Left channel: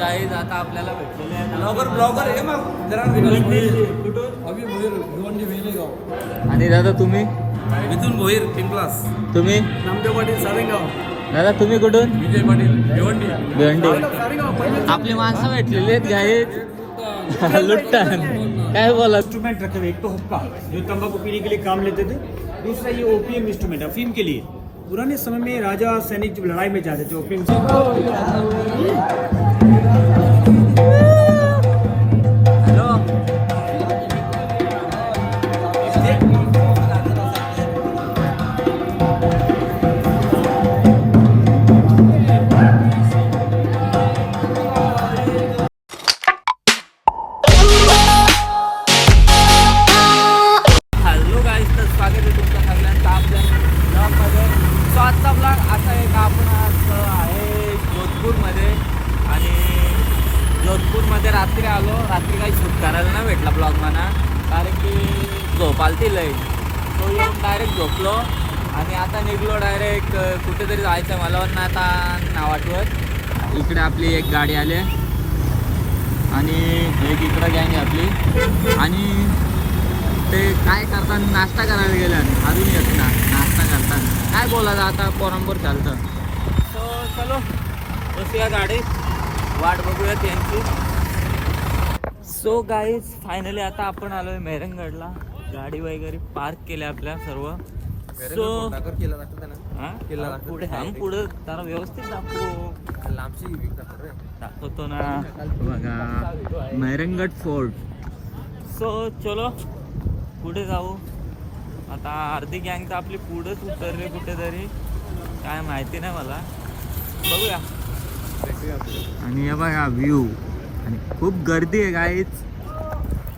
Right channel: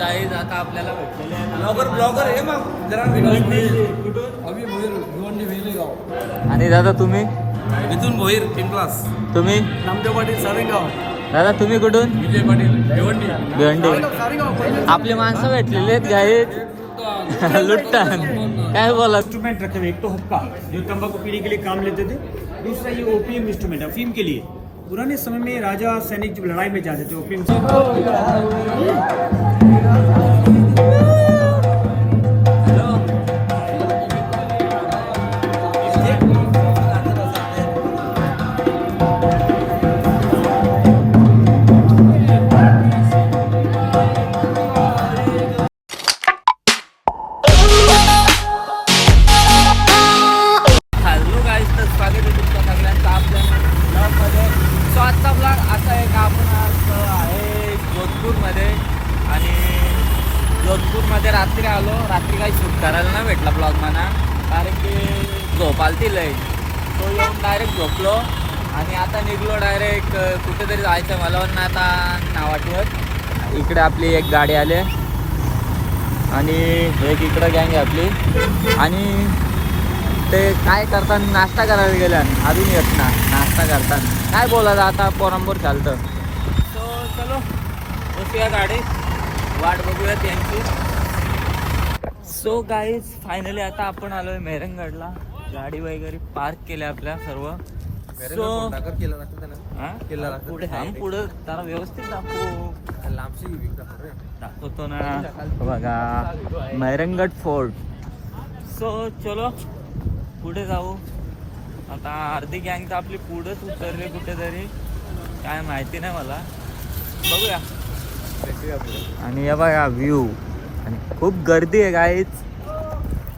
Guys आता आपल्याला आणि दादा तुम्ही इथून भोईर पिंपलास, तुम्ही नामदेव पाटील सारेगाव, दादा तुम्ही कुठून विजय पाटील भिवंडी. भिवंडी. आपले माणसं भेटलेले आहेत गाईज लुट्टन काय बोला. इंस्ट्रूमेंट रखे हुए, एक तो हुक्का जो तंबाकू पीने के लिए काम लेते थे, दूसरा ये ओपीएम इंस्ट्रूमेंट अफीम के लिए। पुराने समय में राजा सैनिक जब लड़ाई में जाते थे ओपीएम जोधपूरमध्ये रात्री आलो. रात्री काही शूट करायला नाही भेटला ब्लॉग मला, कारण की झोप आलती लय. तो येऊन डायरेक्ट झोपलो आणि आता निघलो डायरेक्ट कुठेतरी जायचं मला पण आता नाव आठवत. इकडे आपली एक गाडी आली आणि एक इकडं गँग आपली आणि ते काय करताना नाश्ता करायला गेल्या अजून येत ना. नाश्ता करताना काय बोलायचं आता पोरांबरोबर चालतं. चलो बसूया गाडीत, वाट बघूया त्यांची. सो गाईज फायनली आता आपण आलोय मेहरंगडला. गाडी वगैरे पार्क केल्या आपल्या सर्व. सो पुढे पुढे जरा व्यवस्थित दाखवतो ना बघा मेहरंगड फोर्ट. सो चलो पुढे जाऊ. आता अर्धी गँग तर आपली पुढेच उतरली कुठेतरी, काय माहिती नाही मला. बघूया. आणि हे बघा व्ह्यू आणि खूप गर्दी आहे गाईज.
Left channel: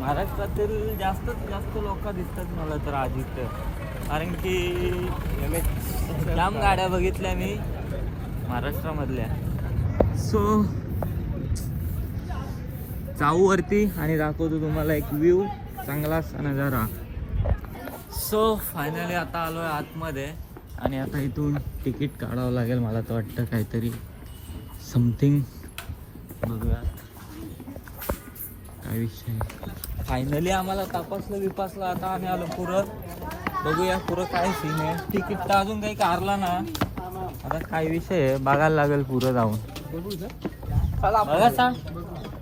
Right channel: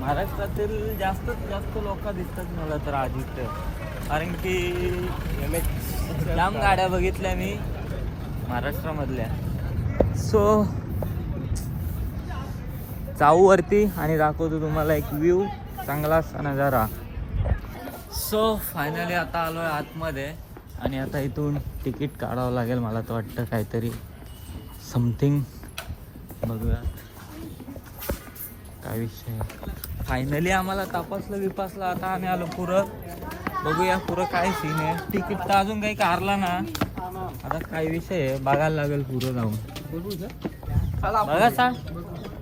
महाराष्ट्रातील जास्तीत जास्त लोक दिसतात मला तर आज इथं, कारण की लांब गाड्या बघितल्या मी महाराष्ट्रामधल्या. सो जाऊ वरती आणि दाखवतो तुम्हाला एक व्ह्यू चांगला असा नजारा. सो फायनली आता आलोय आतमध्ये आणि आता इथून तिकीट काढावं लागेल मला तर वाटतं काहीतरी समथिंग. बघूया काय विषय. फायनली आम्हाला तपासलं आता आम्ही आलो पुरं. बघूया पुरं काय सीन आहे. तिकीट तर अजून काही काढला ना. आता काय विषय आहे बघायला लागेल पुरं जाऊन. बघा सांग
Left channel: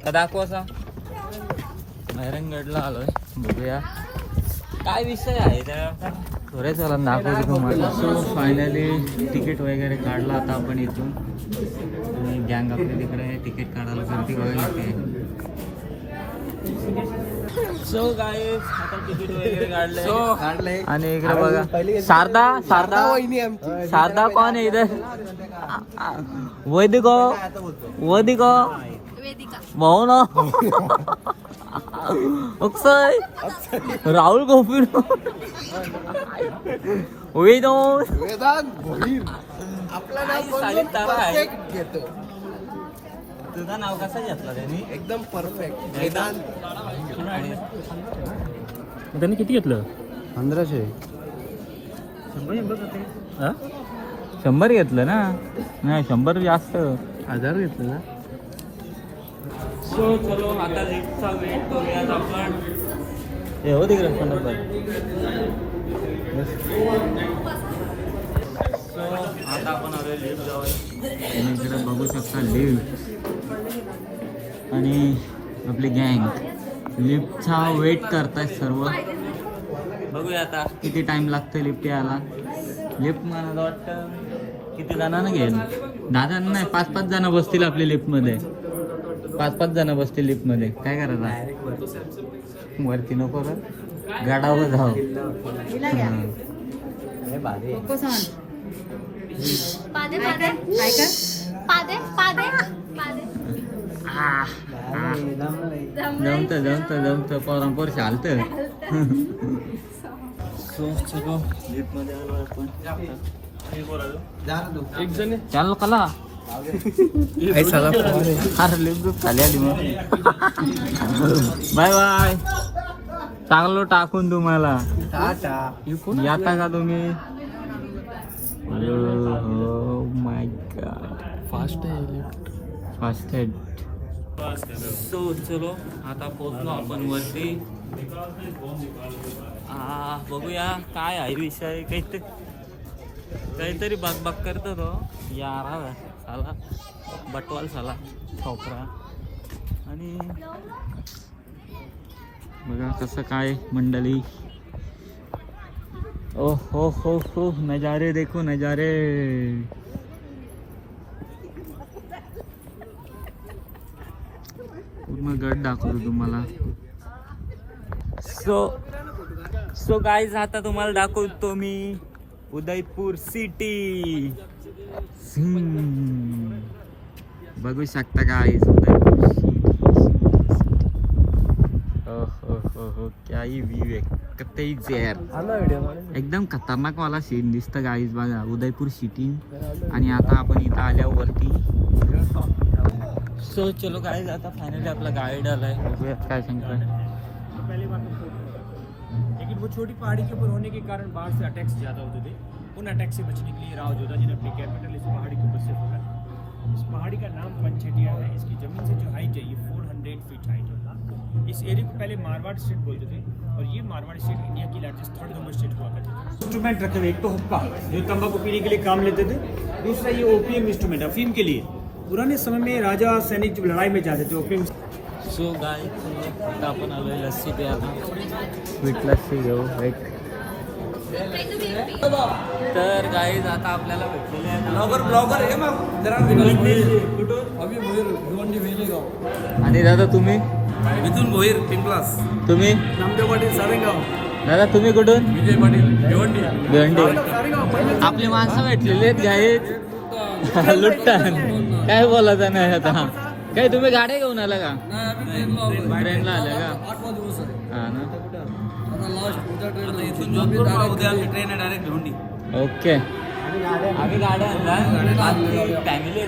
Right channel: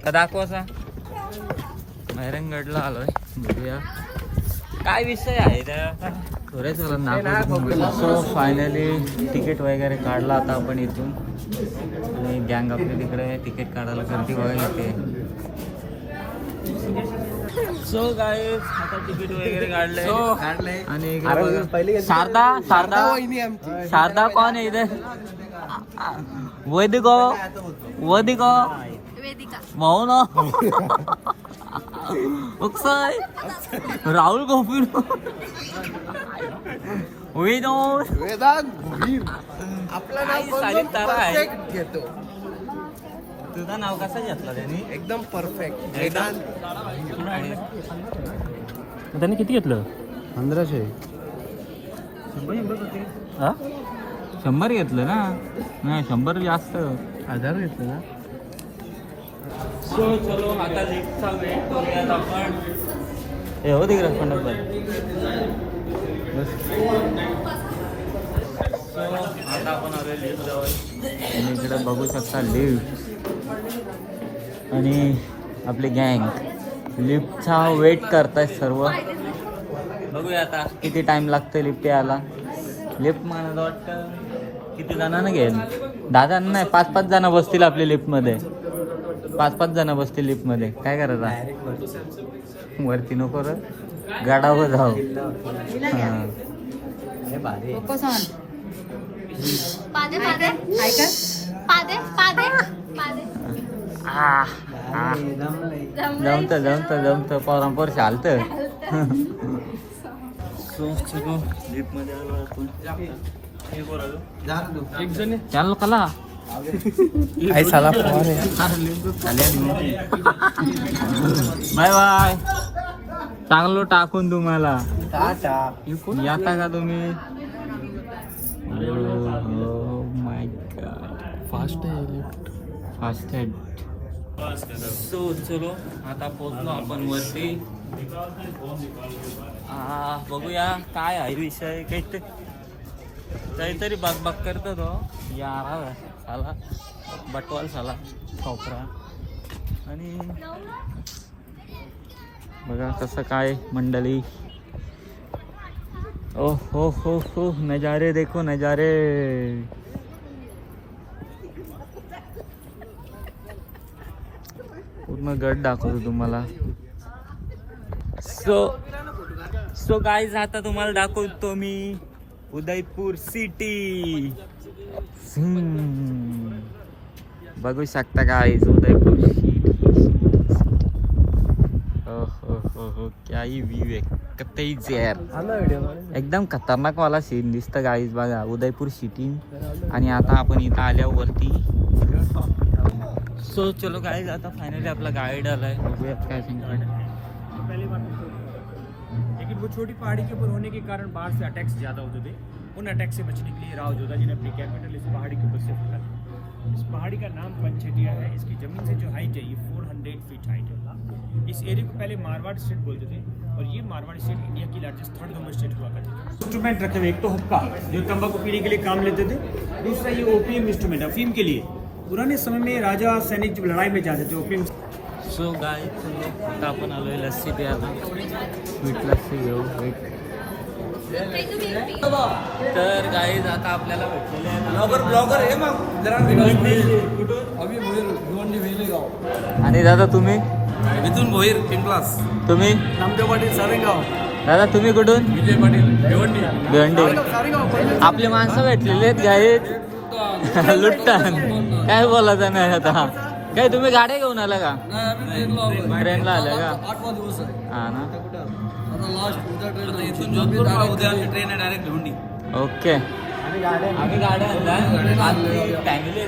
का दाखवा सांग. मेहरंगडला आलोय, बघूया काय विषय आहे त्या थोड्याच दाखवतो. फायनली तिकीट वगैरे काढला आता आपण इथून. गँग आपल्या तिकडे तिकीट काढायला गर्दी बघायला येते. सो गाईज आता तिकीट वगैरे काढले आणि इकडे बघा शारदा कोण आहे इधर. वेदिका भाऊ ना अक्षय राहुल गोपी तारा आहे. तुझं नाव कसं घेतलं त्यांनी. एकदम परफेक्ट. त्यांनी किती घेतलं. 1500. 100 घेतलं ना. नाही 100 जास्त. सो चलो आता लिफ्टचा वेट करूयात आपण. आता आपण आलो लिफ्ट जवळ आणि इकडे बघू शकता लिफ्ट आणि आपली गँग लिफ्टचा वेट करताय सर्व. बघूया आता किती टाइम लागतं लिफ्ट यायला. लिफ्ट मला वाटतं किती जणांना घेईल. 10 जण नाही 5-5 जण बसतील आपल्या लिफ्टमध्ये. 5-5 जण बसतील लिफ्टमध्ये. काय करायचं वरती नको रे गाडावर जाऊ. जमत पोरांपोर चालत. लिफ्ट मध्ये आलो आपण. चाललो कला बाय बाय. चांगलं टाकून तुम्हाला येता का तुम्ही. माय गॉड फास्ट हेड सो चलो आता पोहोचलो आपण वरती. बघूया काय आहे विषय. काहीतरी बाग करतो तो यारा साला बटवाल साला ठोकरा. आणि बघा कसं काय मंडळी. ओ हो नजारे देखो नजारे. पूर्ण गड दाखवतो तुम्हाला. सो गाईज आता तुम्हाला दाखवतो मी उदयपूर सिटी. बघू शकता गाईज उदयपूर सिटी. हो क्या ही व्यू आहे कतेच यार. एकदम खतरनाक वाला सीन दिसतं गाईज. बघा उदयपूर सिटी. आणि आता आपण इथं आल्यावरती सो चलो गाइस आता फाइनली आपला गाइड आलाय. बघूया काय सांगताय. पहले बात तो लेकिन वो छोटी पहाड़ी के ऊपर होने के कारण बाहर से अटैक्स ज़्यादा होते थे. उन अटैक से बचने के लिए राव जोधा जी ने अपनी कैपिटल इस पहाड़ी के ऊपर से खोला. इस पहाड़ी का नाम पंचेटिया है. इसकी ज़मीन से जो हाइट है ये 400 फीट हाइट है. इस एरिया को पहले मारवाड़ स्टेट बोलते थे और ये मारवाड़ स्टेट इंडिया की लार्जेस्ट थर्ड नंबर स्टेट हुआ करती थी. इंस्ट्रूमेंट रखे हुए एक तो हुक्का जो तंबाकू पीने के लिए काम लेते थे. दूसरा ये ओपीएम इंस्ट्रूमेंट अफीम के लिए. पुराने समय में राजा सैनिक जब लड़ाई में जाते थे ओपीएम. सो गाइस आता आपण आलोय लस्सी प्यायला. स्वीट लस्सी घेऊ एक. तर गाईज आता आपल्याला आणि दादा तुम्ही मिथुन भोईर पिंपलास. तुम्ही नामदेव पाटील सावेगाव. दादा तुम्ही कुठून. विजय पाटील भिवंडी. भिवंडी. आपले माणसं भेटलेले आहेत गाईज. लुट्टन काय बोलायचं नाही आता. काय तुम्ही गाड्या घेऊन आला का. ट्रेनला आल्या का. हा ना ओके. आम्ही गाड्या आणला फॅमिली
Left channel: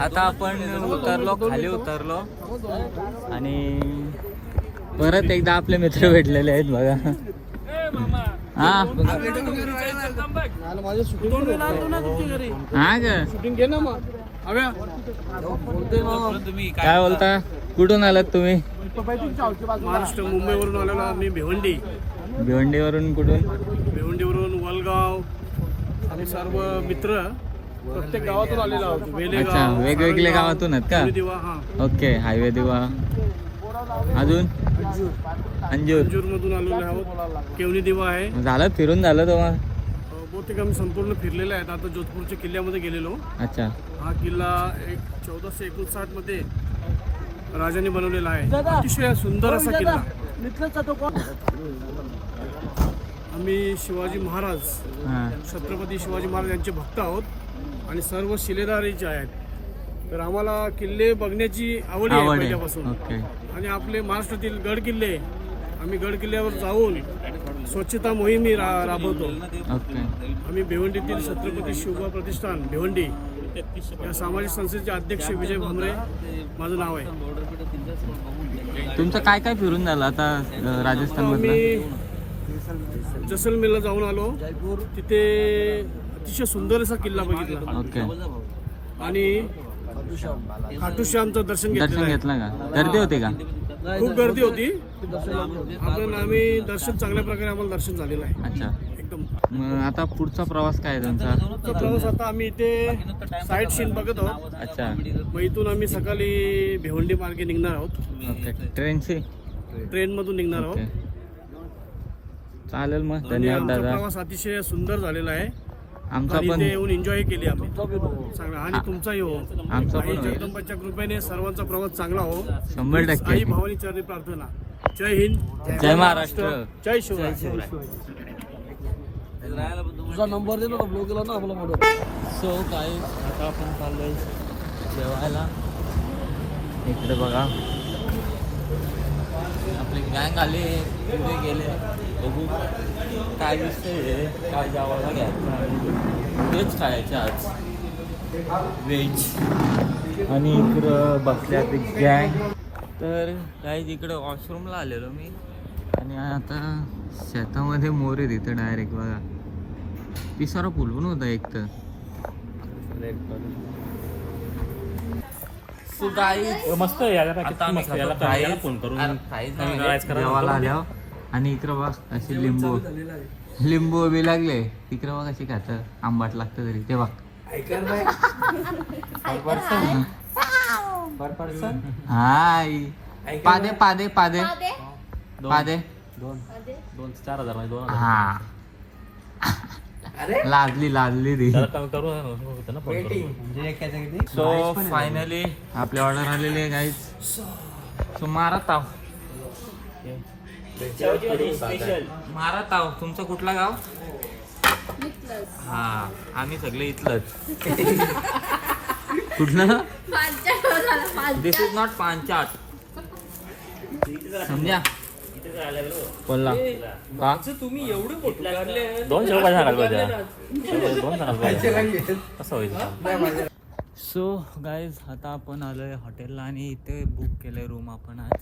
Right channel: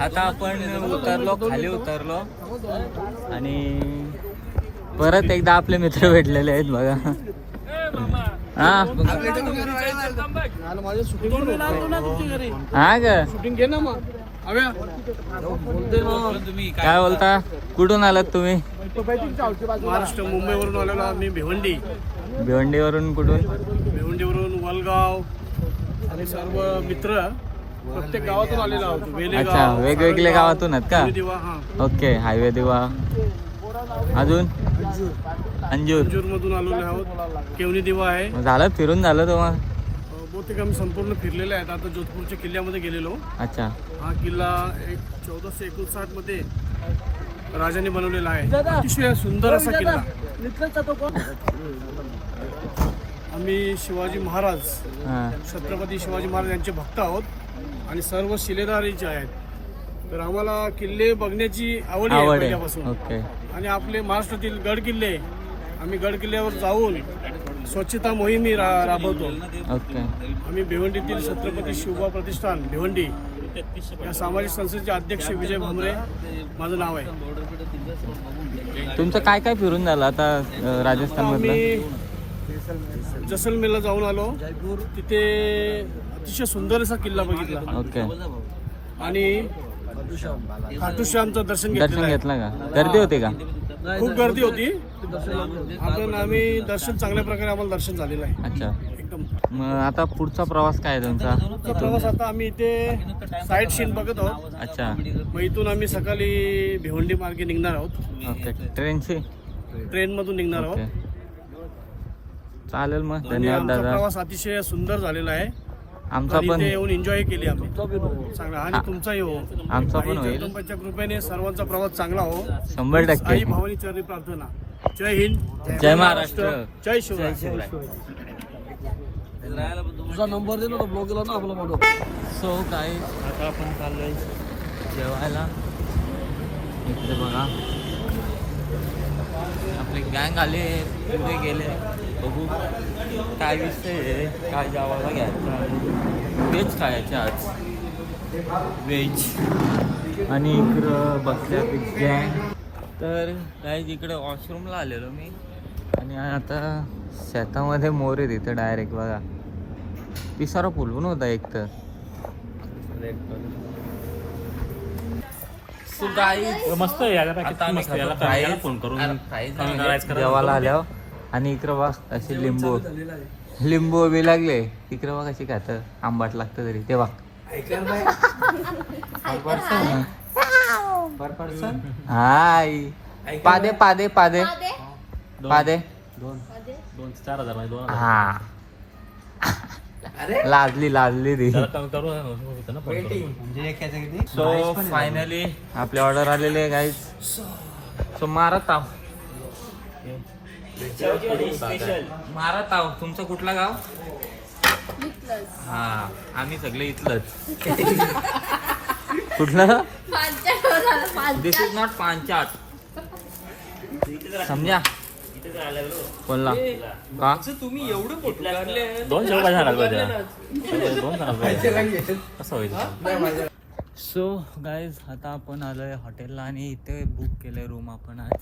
आता आपण खाली उतरलो आणि परत एकदा आपले मित्र भेटलेले आहेत बघा. हा काय बोलता. कुठून आलात तुम्ही. महाराष्ट्र मुंबईवरून आलेलो आम्ही. भिवंडी. भिवंडीवरून कुठून. भिवंडीवरून वलगाव. आम्ही सर्व मित्र प्रत्येक गावातून आलेलो आहोत. अच्छा वेगवेगळ्या गावातून आहेत का. ओके हायवे दिवा. अजून अंजूर मधून आलेलो आहोत. केवनी दिवा आहे. झालं फिरून झालं तुम्हाला. बहुतेक आम्ही संपूर्ण फिरलेले आहेत. आता जोधपूरच्या किल्ल्यामध्ये गेलेलो. अच्छा हा किल्ला 1459 मध्ये राजाने बनवलेला आहे. अतिशय सुंदर असा किल्ला. आम्ही शिवाजी महाराज छत्रपती शिवाजी महाराज यांचे भक्त आहोत आणि सर्व शिलेदारीचे आहेत. तर आम्हाला किल्ले बघण्याची आवड आहे पहिल्यापासून. आणि आपले महाराष्ट्रातील गड किल्ले आम्ही गड किल्ल्यावर जाऊन स्वच्छता मोहीम राबवतो. आम्ही भिवंडीतील छत्रपती शिवबा प्रतिष्ठान भिवंडी या सामाजिक संस्थेचे अध्यक्ष विजय भामरे माझं नाव आहे. तुमचं काय काय फिरून झालं आता राजस्थान आम्ही जैसलमेरला जाऊन आलो. तिथे अतिशय सुंदर असा किल्ला बघितला. ओके. आणि खाटू श्यामचं दर्शन घेतलं का. गर्दी होती का. खूप गर्दी होती. आम्ही दर्शन चांगल्या प्रकारे आम्हाला दर्शन झालेलं आहे. अच्छा एकदम. मग आता पुढचा प्रवास काय आहे तुमचा. प्रवास आता आम्ही इथे साईट सीन बघत आहोत. अच्छा मग इथून आम्ही सकाळी भिवंडी मार्गे निघणार आहोत. ओके. ट्रेन मधून निघणार आहोत. चालेल मग आणि धन्यवाद आमचा दादा. प्रवास अतिशय सुंदर झालेला आहे. आमचा पण येऊन एन्जॉय केली आम्ही चांगला. आणि तुमचाही हो. आमचा पण जगदंबाच्या कृपेने सर्वांचा प्रवास चांगला हो. 100% आई भावानी चरणी प्रार्थना. जय हिंद, जय महाराष्ट्र. जय शिवराय. सो काही आता आपण चाललोय जेवायला. इकडे बघा आपली गँग आली, पुढे गेले. बघू काय विषय आहे, काय जेवायला घ्यायचं. व्हेज खायचे आज, व्हेज. आणि इकडं बसल्या गँग. तर काही इकडं वॉशरूमला आलेलो मी. आणि आता शेतामध्ये मोर आहे तिथं डायरेक्ट बघा. पिसारा फुलवून होता एक तर. मस्त जेवायला आल्यावर. आणि इकडं बघ असे लिंबू बी लागले. इकडं बघ कशी खात आंबाट लागतं तरी ते बघ. हाय पादे पादे पादे पादे 2,000-4,000 हा. लाजली ती. सो फायनली आपली ऑर्डर आलेली आहे गाईज. सो मारत आहो. मारत आहो. तुमचं कुठलं गाव? हा आम्ही सगळे इथलंच. कुठलं? दिस इज नॉट पांचाट. समजा बोलला. सो गाईज आता आपण आलोय हॉटेलला आणि इथे बुक केलं रूम आपण आज.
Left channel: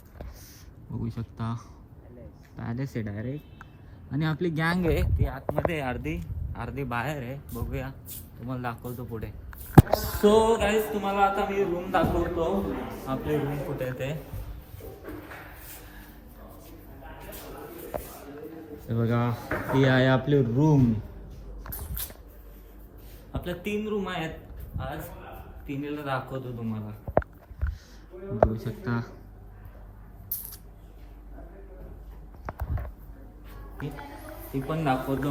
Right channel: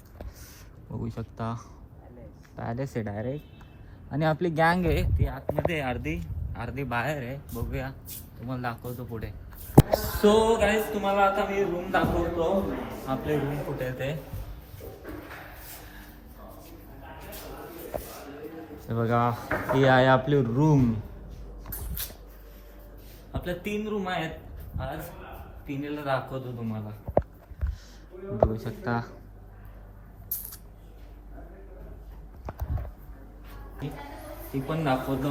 बघू शकता पॅलेस आहे डायरेक्ट. आणि आपली गँग आहे ती आतमध्ये अर्धी बाहेर आहे. बघूया तुम्हाला दाखवतो पुढे. सो गाईज तुम्हाला आता मी रूम दाखवतो. आपले रूम कुठे आहे ते बघा. ही आहे आपली रूम. आपल्या 3 रूम आहेत आज. 3ला दाखवतो तुम्हाला. बघू शकता ती पण दाखवतो.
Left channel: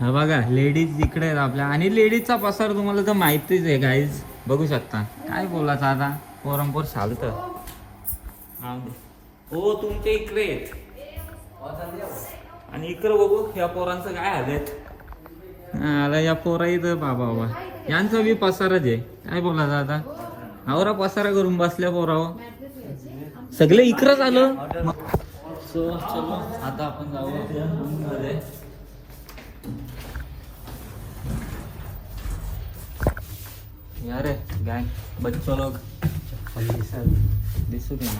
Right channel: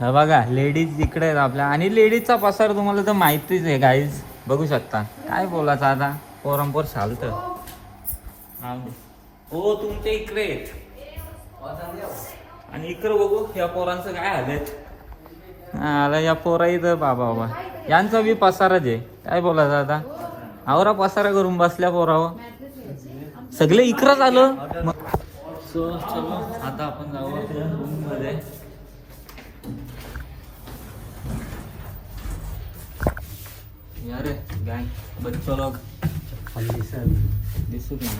हा बघा लेडीज इकडे आहेत आपल्या. आणि लेडीजचा पसार तुम्हाला तर माहितीच आहे गाईज. बघू शकता काय बोलायचं आता. पोरंपोर चालतंय. हो तुमच्या इकडे आहेत. आणि इकडं बघू या पोरांचं काय हालत. या पोरा इथं बाबा यांचा बी पसाराच आहे. काय बोलायचं आता. आवरा पसारा करून बसल्या पोरावर. सगळे इकडंच आलं. सो चलो आता आपण जाऊ आपल्या रूम मध्ये. अरे गँग बच्चो लोग दिसू नाही.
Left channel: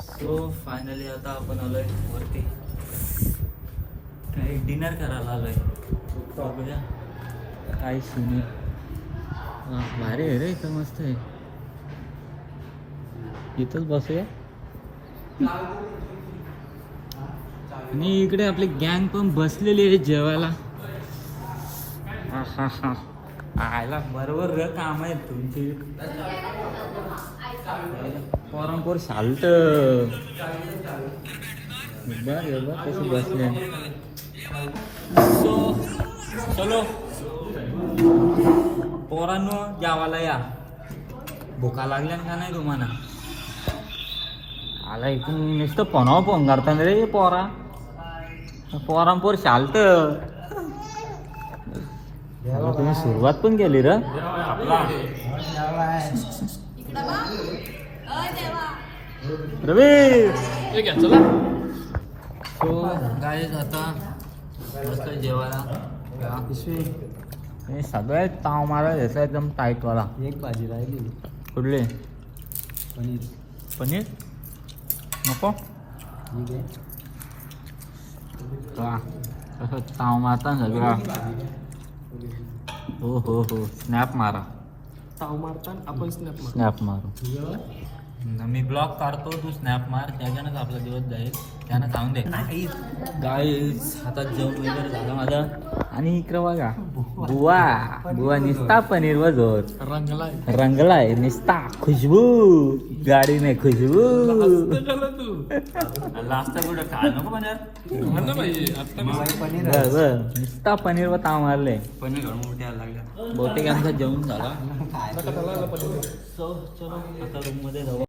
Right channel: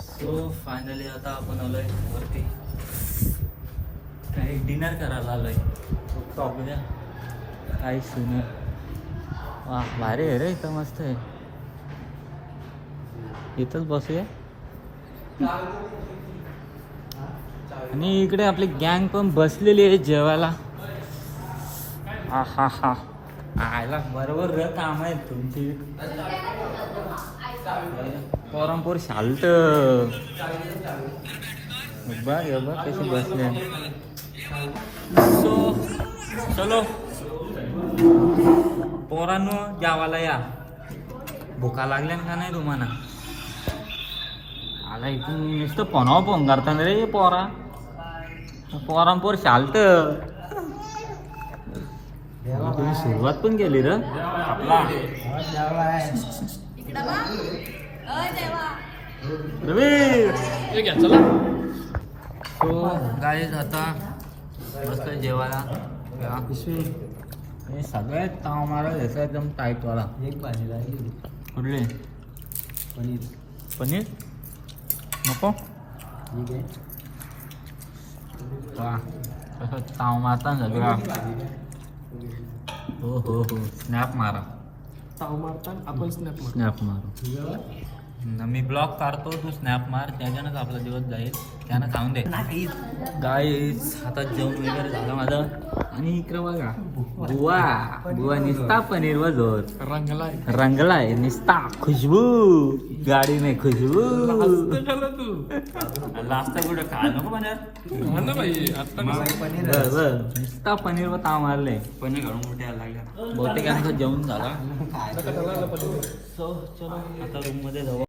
सो फायनली आता आपण आलोय वरती. काही डिनर करायला आलोय. बघूया काही सीन. वा भारी आहे रे इथं. मस्त आहे. इथंच बसूया. आणि इकडे आपली गँग पण बसलेली आहे जेवायला. हा हा हा बरोबर र काम आहेत तुमचे. पोरांपूर शांत. सो चलो पोरांनो जेवायला या. भुका लागल्या का नाही तुम्हाला. आला इथून नुसतं फोन करता रे पोरा. पोरांपोर शालत. तुम्ही सुरुवात पण केली र रवी. चला सो गाईज आता मस्त जेवायला. सगळे ताव मारा घ्यायचा एकदम टाईट वाला. एक भाजी राहिली. कुठले? पनीर नको. कसं ताव मारता सगळा. हो स्नॅप मारा. आपण स्नॅप मारू. मी ब्लॉग काढतो तू स्नॅप मार. त्याच्यानंच आपला दिवस जाईल. त्यानं खाऊन दे गाईज. आता जेवण वगैरे झालं माझं. आणि इकडं बघा बुवा निस्ता पनीर वजोर रंगलाय निस्ता. खुशबू गाडी नाही खुशबू. लास्ट कुठे काय नको पनीर. निस्ता पनीर व ताव मारले. पनीर घालून उठायला लागल्या. बहुतेक आमचं जेवण झाला. चलो आता रूम मध्ये जाऊ.